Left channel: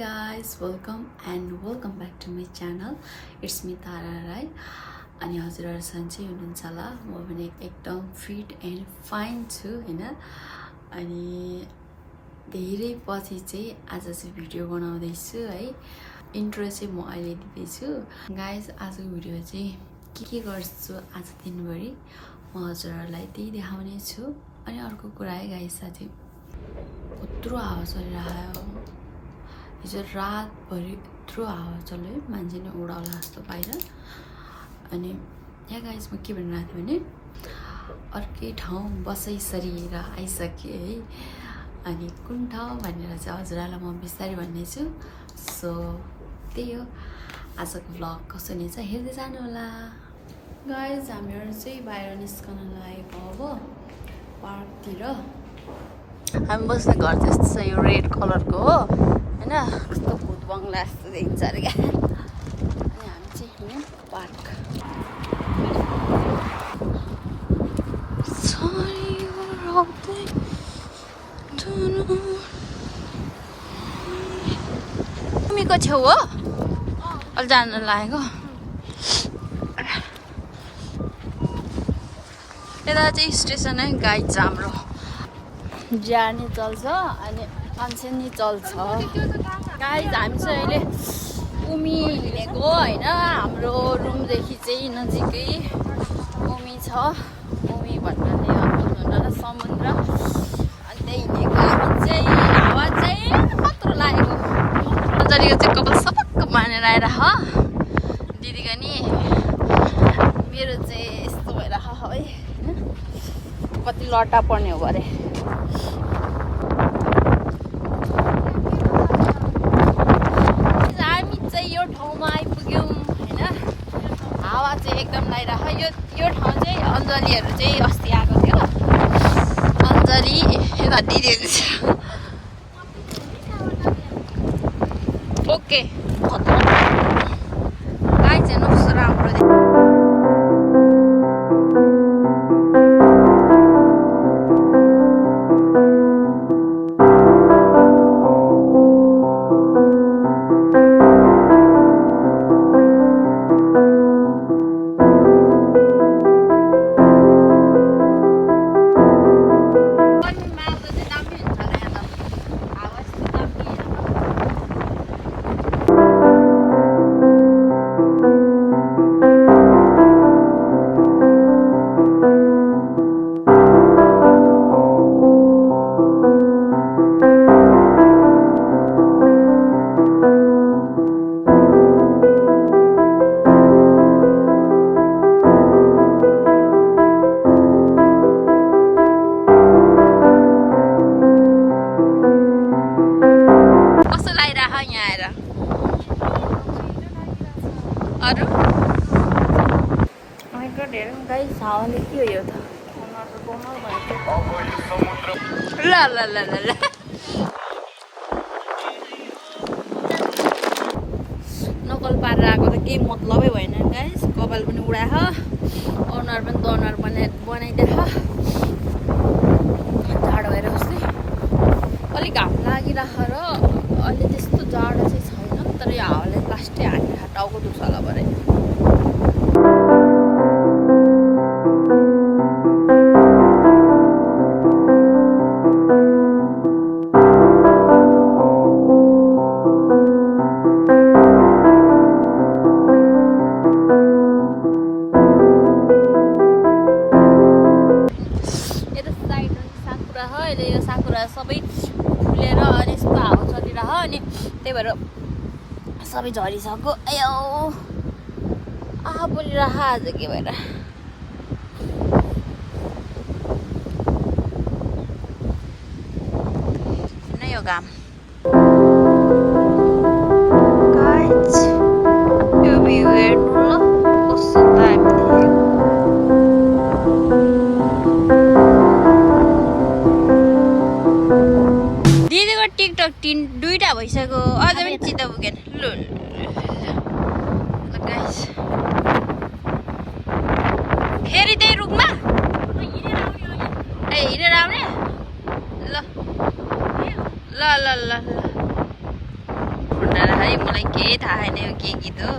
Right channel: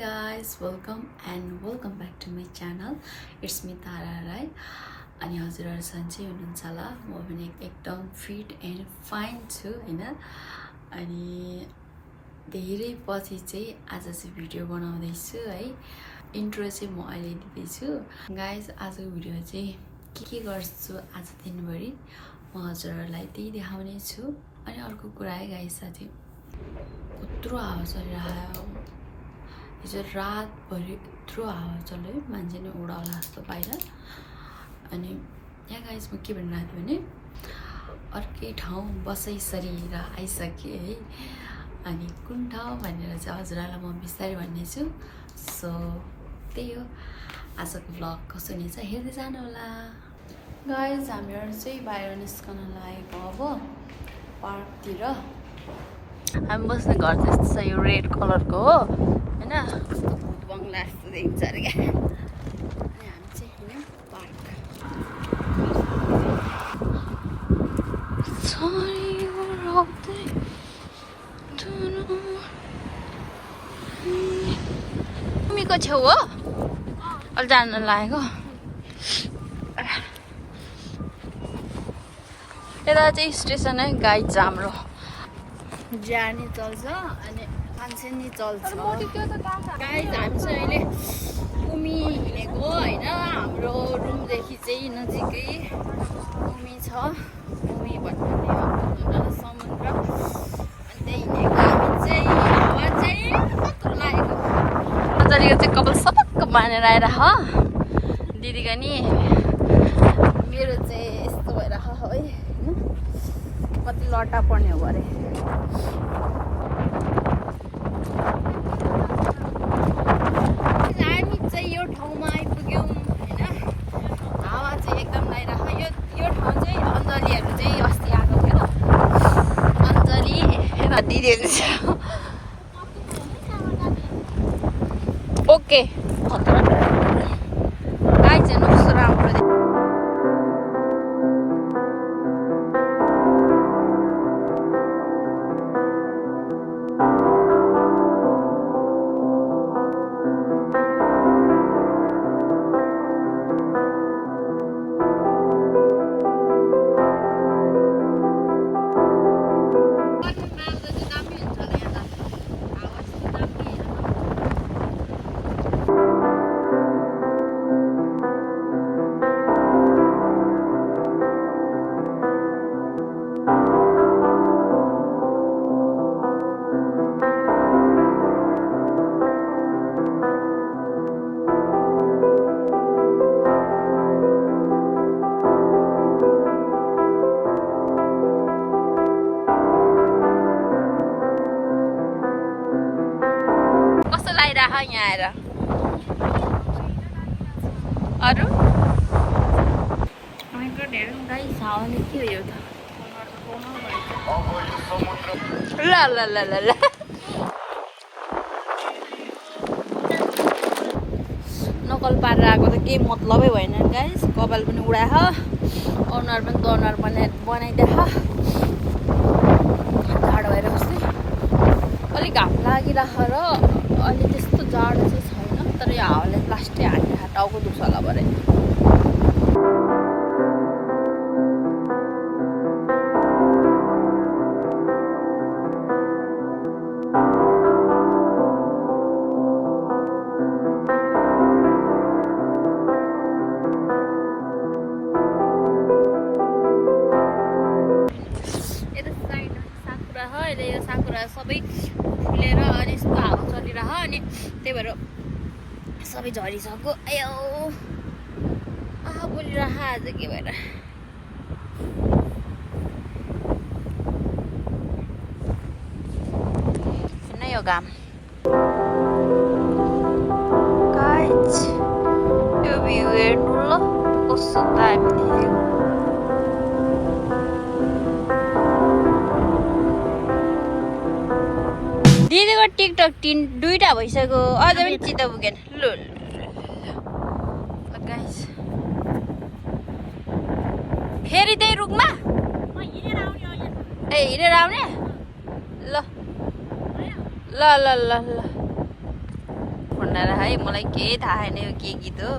guys, welcome back to my channel. It's me Tara Rai. अनि हजुरहरु सन्चै हुनुहुन्छ होला म पनि एकदम फिट एन्ड फाइन छु हैन अनि धेरै पछि चाहिँ आज चाहिँ भिडियो बनाउँदै छु है इन्ट्रो चाहिँ म अहिले दिँदै छु गाइस आजको भिडियो चाहिँ के गर्छु आज दिनभरि म हजुरहरुलाई त्यही देखाउने छु अनि अर्को कुरा है गाइस साथी कत्रो हावा चलिरहेको हिजो रातभरि यत्रो हावा चल्यो मान्छे नै उडाउला जस्तो बाहिर अनि यहाँ गाइस म के भनिरहेको थिएँ भने अर्कै ठाउँ बसाइसकेर आइसके है अनि कुन ठाउँ भनेर चाहिँ हजुरहरूलाई म बिस्तारै भन्नेछु सो त्यही हो आजको भ्लग कस्तो हुनेछ हेर्दै जानु होला गाइस हामीहरू चाहिँ बाहिर निस्कन लागेको अब पार्कतिर हामी बस्ने घर जस्तो छ यो रेड कलरको हो हैन कस्तो भूत बङ्गला जस्तो देखिन्छ अरे क्या अनि हामी चाहिँ हैन पार्क तिमीको छेउ हो अलि जान लागेको यता चाहिँ स्टेसन है गाइड छ हाम्रो जाने चल्छ अनि मान्छे नि चल्छ गाइड हामी चाहिँ अहिले उमी हिँडेको होइन हाम्रो रुमदेखि चाहिँ नजिकै उमी छ उमी भन्नाले समुद्र अनि त्यही हिँडेको हामी चाहिँ हावा चाहिँ कत्रो लागेको अञ्जलीको चाहिँ कपाल सपक्क बाँधेर आएर दिदीको नि मेरो चाहिँ यस्तो भइरह है कति लट्टा पर्ने हो अरे हामी चाहिँ यो ठाउँमा आइपुग्यौँ होइन हावा चाहिँ एकदम लागिरह यो ठाउँ चाहिँ अञ्जलीहरू चाहिँ अस्ति आएको थियो अञ्जली यता दिदीहरू छ ओके गाई चाहिँ कस्तो राम्रो यहाँ आएर अरू गाई हावाले के हो यो त ल ल ल ल ल नकल पारेर आएको त केही मतलबै भएन गाइस कपाल पनि उडाह अनुहार पनि गनुहार बनाइदिएछ जाडो भएर जस्तै अलिक घाम लागिरह र अनि त्यस्तो जाडो चाहिँ छैन तर यो हावाले प्लास्टिक हालेर टाउको दुख्छ होला भरे यता साइड साकुरा हो अहिले यो साकुरा सबै फुलेर अनि यस्तो हावा चलिरह अनि त्यही भएर सबै झरिसक्यो आयो आहा बोलिरह आज के भएर नै यो घाम गाइस यो भ्यू हेर्नु ल कस्तो दामी देखेको दिदीको टिकटक दुईटा भइसक्यो अझ पनि चित्त पुगेन ल गाइस फेरि त्यही रुखमा ए हिँडेर आउने ल ल ल ल ल भनेर है मलाई केही थाहा छैन यो के गीत हो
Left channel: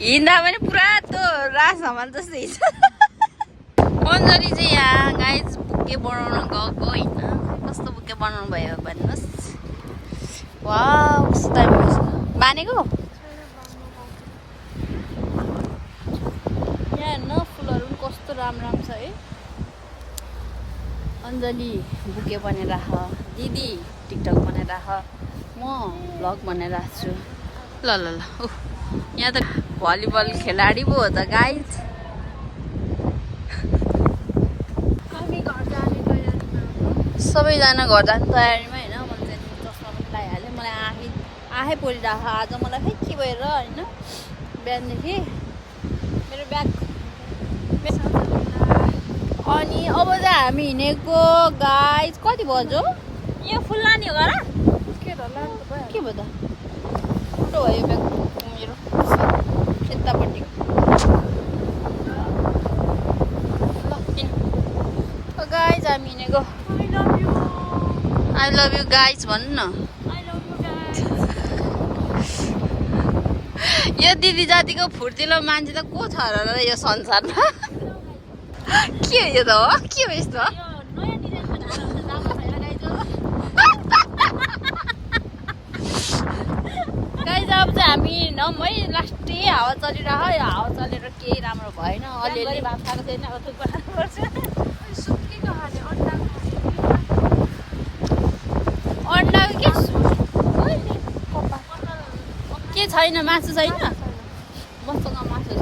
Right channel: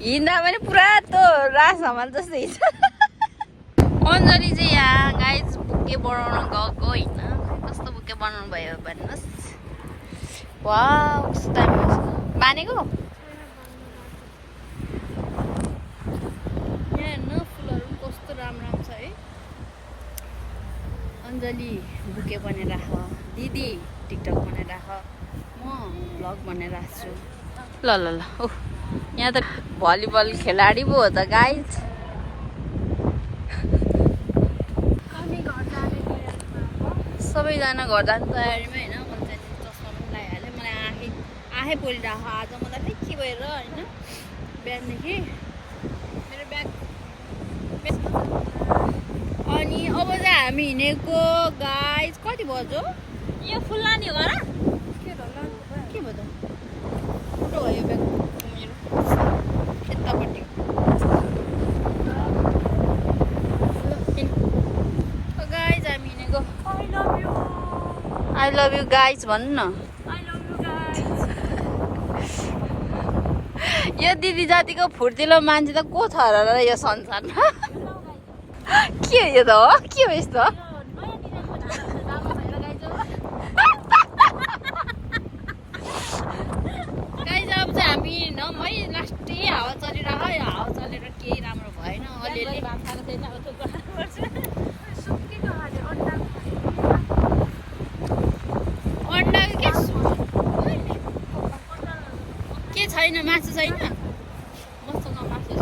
हिँड्दा पनि पुरा त रासमान जस्तै हिँड्छ अञ्जली चाहिँ यहाँ गाइज बुके बनाउन गएको होइन कस्तो बुके बनाउनु भयो भन्नुहोस् वाउ कस्तो टाइम भएछ बानेको यहाँ हेर्नु फुलहरू पनि कस्तो राम्रो छ है अञ्जली बुके बनाइराख दिदी टिकटक बनाइराख म भ्लग बनाइरहेको छु ल ल ल ओह यहाँ त भलिबल खेलाडी पो हो त गाइज सबैजना घर जाने तयारीमा होइन मैले चाहिँ चस्मा पनि लगाइहालेँ मलाई आँखै परिरहेको आज मलाई खै के भएर होइन बिहानदेखि मेरो ब्याग अनि अब चाहिँ हामी हिँडेको गाइज कति बज्यो यो फुल लाने हो र के भयो त ठुलो हो यो ब्याग मेरो यतापट्टि ल गाइज हामी हिँडेको आई लभ यु गाइज भन्नु न यो दिदी जातिको फुर्तिलो मान्छे त को छ र यो संसारमा के हो यो त हो के हो यस्तो गाइज अब चाहिँ हामी हिँडौँ है लास्टै हावा चलिरह हावा चलेर केही राम्रो भएन अलिअलि अन्डाको के छैन मासु छैन मसँग मासु छ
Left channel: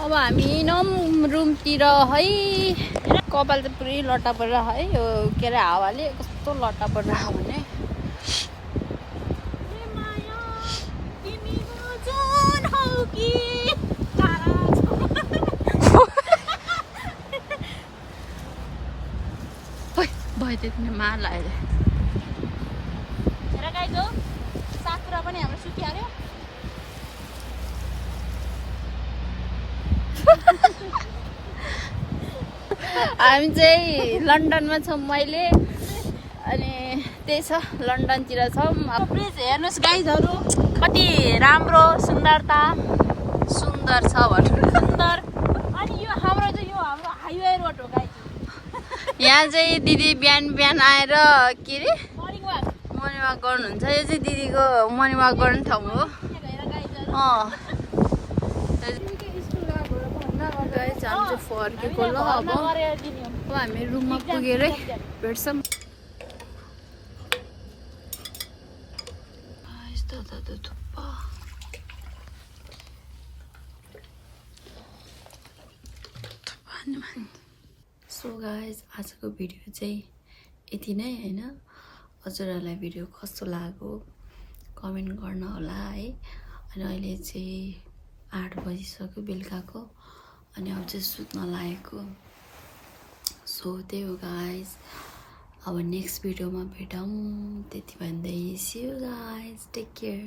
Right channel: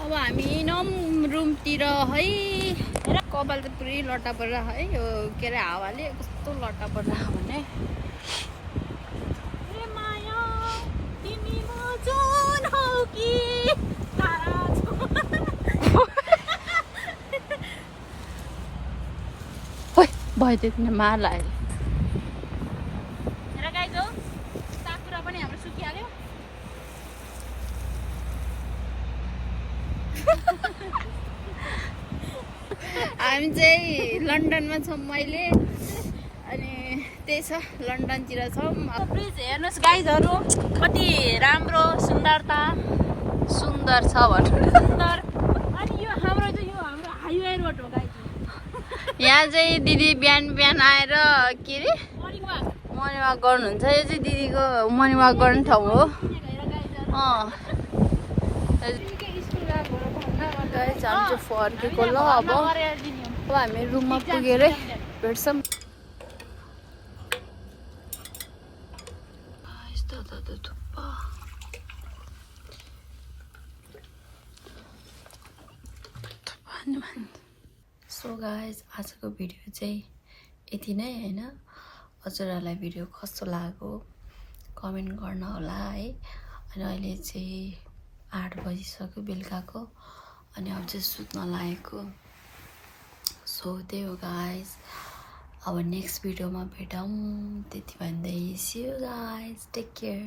अब हामी हिँडौँ रुमतिर है कपाल चाहिँ पुरै लट्टा परेर है यो के अरे हावाले कस्तो लट्टा परिरहेको भने भयो त्यो मार लाग्यो हेर गाइज हो साकुरा पनि हाम्रो सुकिहाल्यो हामी चाहिँ लन्डनमा छौँ मैले अनि त्यही छ लन्डनतिर छौँ ब्रिज हेर्नुहोस् गाइजहरू कति राम्रो सुन्दर छ भन्नु सुन्दर अनि यो हाम्रो हाइवे रोड हो गाइज यहाँ चाहिँ दिदी बिहान आएर के अरे मर्निङ वाक गर्नुहुन्छ यो चाहिँ दिदीको मर्निङ वाक गर्ने ठाउँ हो हामी चाहिँ फर्केको ल अब हामी रुममा पुगेरै भेट्छौँ सो गाइज आजको भिडियो चाहिँ यति नै होइन हजुरहरूलाई भिडियो कस्तो लाग्यो कमेन्ट गर्न होला है अनि अहिले चाहिँ 8 बजिसक्यो बेलुकाको अनि अब चाहिँ सुत्न लागेको सो त्यही हो गाइज अब नेक्स्ट भिडियोमा भेटौँ त्यति भन्दै see you guys take care